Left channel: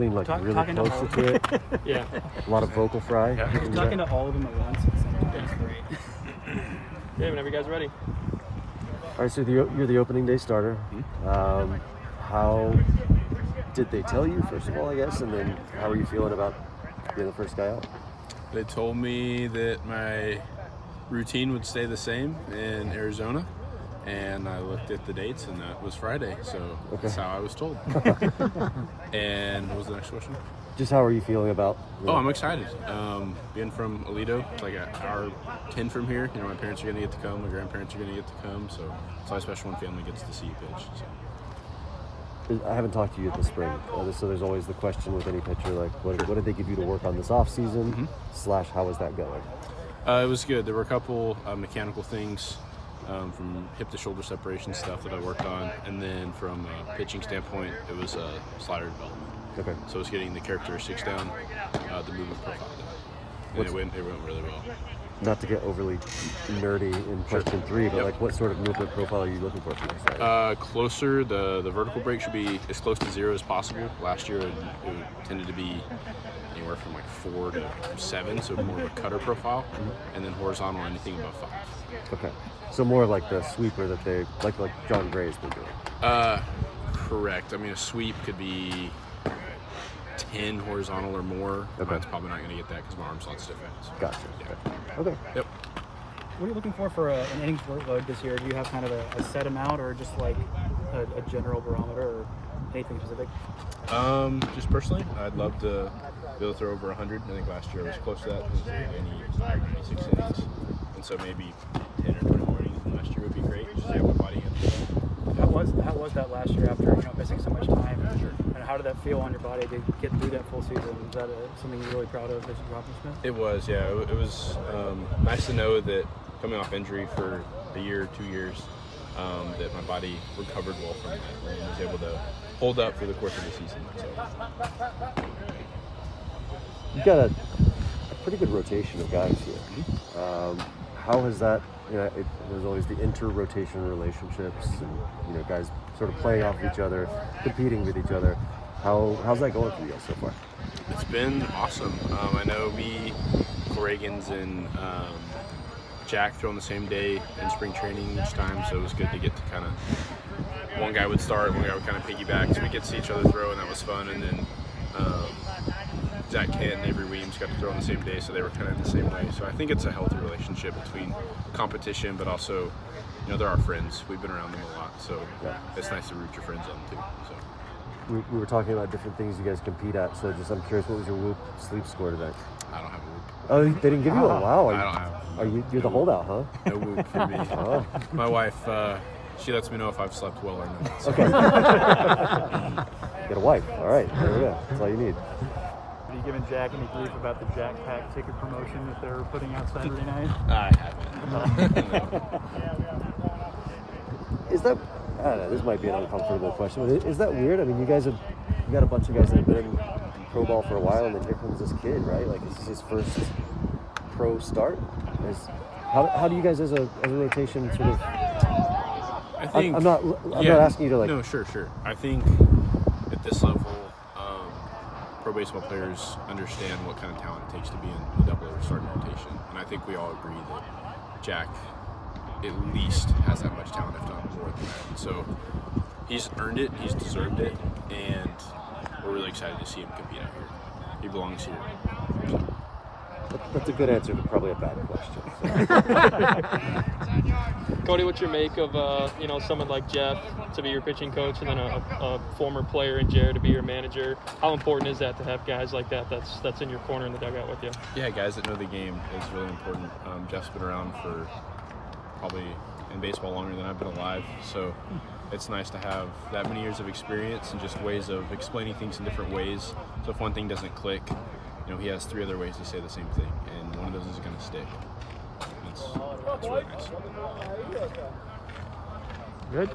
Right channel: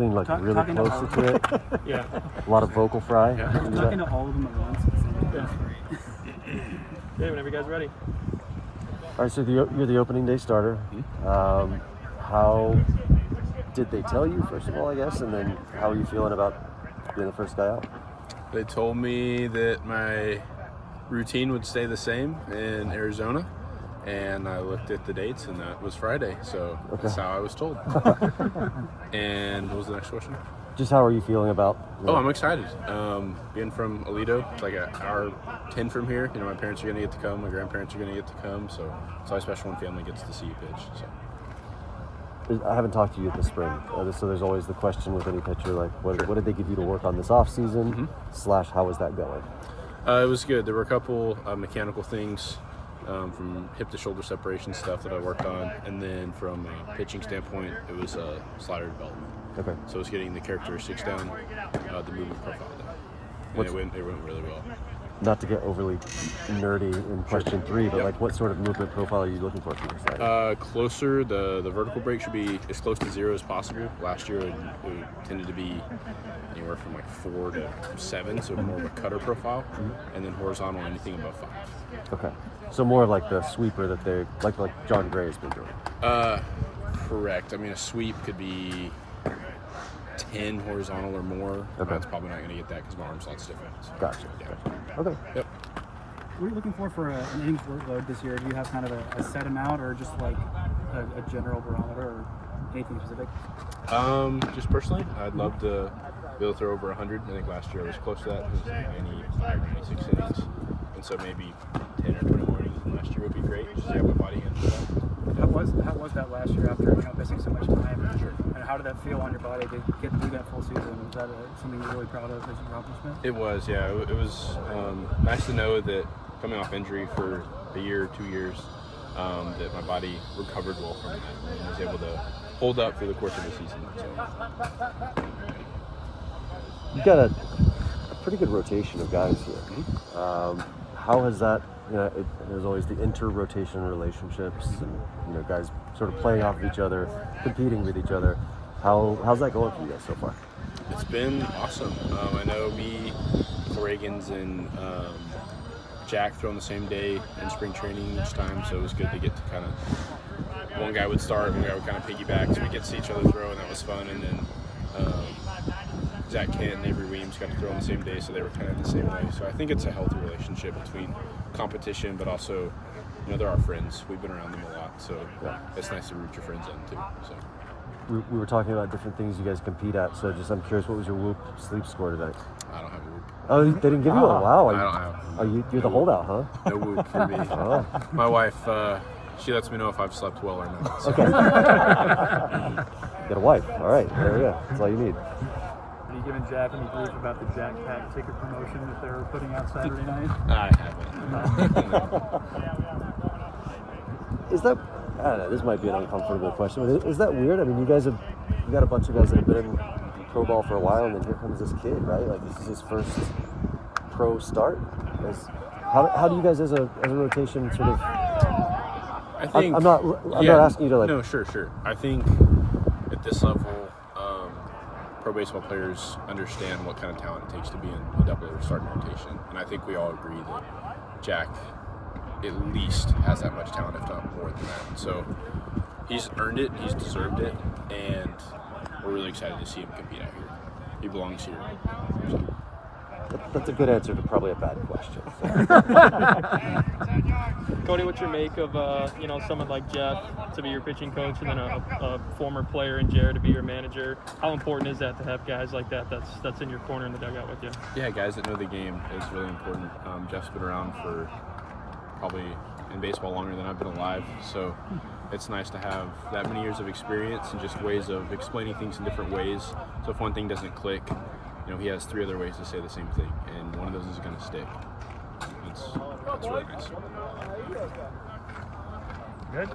lean like really closer to it. Yeah. A lot of vocal fry. Yeah. Talking to all of them at once. It's great. Okay, whenever you guys are ready. All right, so you're the opening day starter. How did they tell you, first of all, I guess, and then how are you feeling about being the first guy out? They told me that my routine would stay the same in Arizona, and I looked at the dates, and that was Friday, so that's how I was told. And what was the next question? Just how are you feeling about? Oh, I'm excited. Being from Aledo, it's like an hour 10 from here. You know, my parents are going to get to come, my grandparents are going to get to come, so it's always special when family gets to see you pitch. So. I haven't talked to you this spring, so there's always the question with any pitcher, like, what did they give you to work on this off season? / how was that going? It was good. There were a couple mechanical things from hip to shoulder separation stuff that I worked on, and then from a pitching standpoint, it was slider development. Okay. So it was getting the characteristics down, the movement profile down, and it went really well. Not to get overly nerdy in question 3, but like what sort of movement profile are you looking for your side? Closer, the vertical break should be as close to 0 as possible. Last year it tended to be anywhere from like 4 to 7, so more of a cutter profile, and then horizontal anything above 5. Okay, so more like the sweeper that they like John Gray's been doing. Correct. I mean, a sweep could be 10 horizontal or more. Okay. Mine's probably not going to get that because my arm slot's different. So. Gotcha. Yeah. Okay. Yep. What are you looking for an innings workload this year? Do you have kind of a set amount, or just like a general barometer, or anything specific? Just personally, I'd love to be able to throw over 100. I think last year I was close to that. It was 95, 96 innings. And so maybe 10 or 20 more innings last year would be great. Just to have my body into that. How was that last year after missing so much time? Sure. And how did that feel on your body to get through that full season? Is that something you're really proud of as an accomplishment? It was, yeah. It was nice to know that coming off injury for a year, 2 years, that my body recovered well from that and was able to hold up through the course of the season. So. You've got a pretty good rotation of guys here. How has that? There's always the inter-rotation relationships, and guys sort of playing off of each other, competing with each other. How's that going for you guys so far? It's been awesome. I know me, Corrigan's, and Jack throw on the same day in spring training each time, so it was good to get to kind of one guy would start, one guy would kind of piggyback, so we get to see each other throw, and that was fun. And then Zach Kent and Avery Williams got to throw on the same day, so they were kind of in the same way. So I think it's a healthy relationship between competition, but also, they're our friends. We've been around them a lot, so it's nice to root your friends on too. So we were talking about different things you guys compete at. So I'm curious, what was your Whoop sleep score today? I don't have a Whoop. Oh, they didn't give you a wow. I don't have. You're the holdout, huh? No Whoop for me. My wife, she lets me know if I've slept well or not. So. Okay. Get a wife. All right. There we go. That's all you need. Are you giving Jack any grief about the Jack Pack ticket promotion that they were putting out Saturday night? I haven't. No. Is that? I don't know. This might be an uncomfortable question, but is that weird? I mean, you got a bunch of guys that have been in pro ball for a while, and then here comes this kid, right? Like, this is his first pro start. How do you guys, as a rotation, sort of? I think I'm not asking you to like. No, sure. I think at this level, pro baseball players understand what kind of talent it takes to be in a double or starting rotation, and I think we all agree that Jack at least has that much talent, if not more than that. And so he's earned it, he's deserved it, and we're really excited to see him compete out here. He belongs here. So. That's a good answer to probably a bad question. Cody, what's your make of someone like Jeff to be your pitching coach, and then a former player in Jared to be your manager? How important is that to have guys like that that's in your corner in the dugout with you? Yeah, guys that know the game is really important. Jeff's been around for probably in baseball longer than I've been alive, so it's nice to have that many years of experience and just ways of explaining things in different ways. So if one thing doesn't click, he has 3 other ways to say the same thing, and one of those is going to stick. It's really nice. Good.